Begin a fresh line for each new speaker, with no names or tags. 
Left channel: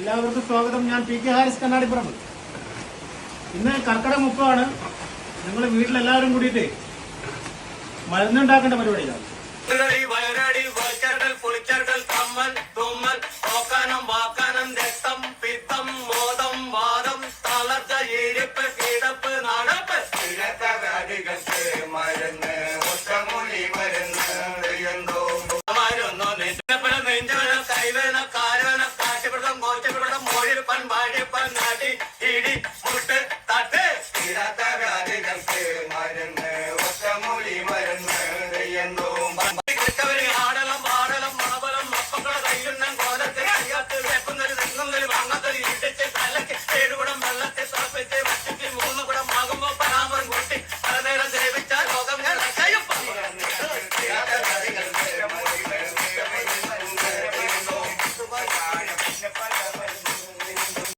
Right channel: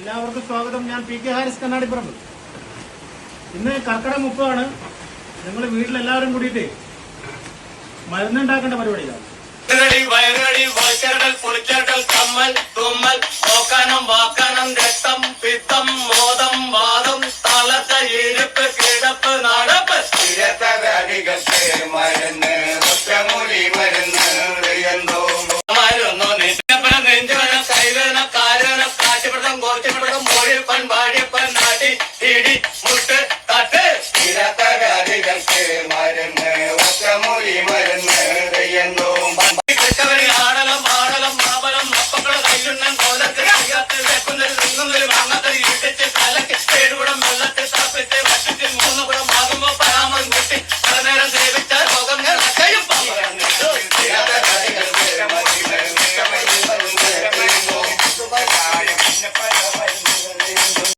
എല്ലാവർക്കും സ്വാഗതം. ഞാൻ പി കെ ഹാരിസ് കണ്ണാടിപ്പുറം ഇന്ന് കർക്കിടക മുപ്പാണ് ഞങ്ങൾ വീട്ടിലെല്ലാവരും കൂടിയിട്ട് മരുന്നുണ്ടാക്കേണ്ട പരിപാടിയിലാണ്.
വയറുകടി വയറുകടി போர்த்தமிழகம் மொழில் பண்பாடு பன்னாடி இடி முட்டு தட்டு.
இறப்பராதிகளுக்கு மருந்து ஒத்த மொழி மருந்து என்னும்
கிறிஸ்தவரின் ஆடலம் ஆடலம் மாபலம் அப்பங்களும் கையுண்ணன் போதற்கு